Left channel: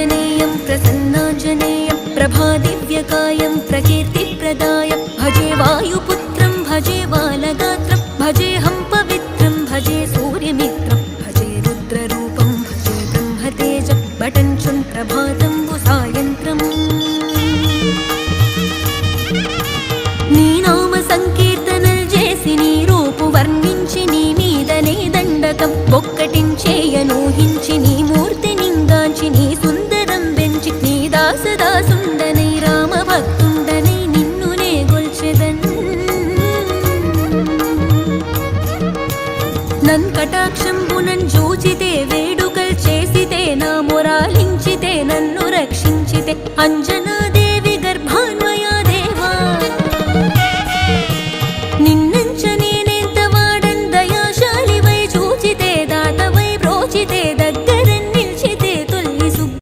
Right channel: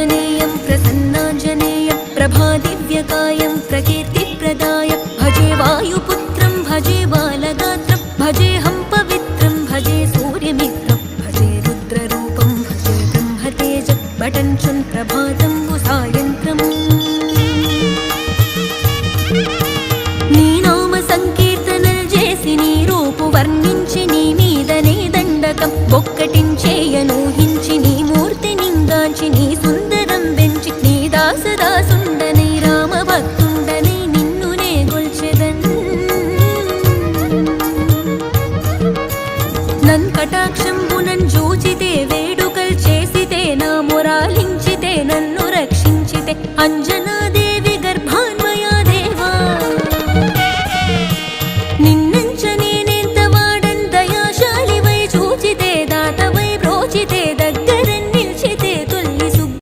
आञ्जनेयं प्रसन्नाञ्जनेयं प्रभादिव्यकायं प्रकीर्तिप्रदाय भजे वायुपुत्रं भजे बालगात्रं भजेऽहं पवित्रं भजे सूर्यमित्रं भजे रुद्ररूपं भजे ब्रह्मतेजं बटञ्चुन् प्रभातं सायन्त्रम् నీ నామ సంకీర్తనలు చేసి నీ రూపు వర్ణించి నీ మీదనే దండకం ఒక్కటించేయనూహించి నీ మూర్తి నింగాంచి నీ సుందరం పెంచి నీ దాసదాసుండనై రామభక్తుండనై నిన్నునే గొల్చెదన్ నన్ కటాక్షంబునన్ జూచితే వేడుకల్ చేసితే నా మొరాలించితే నన్ను రక్షించితే అంజనాది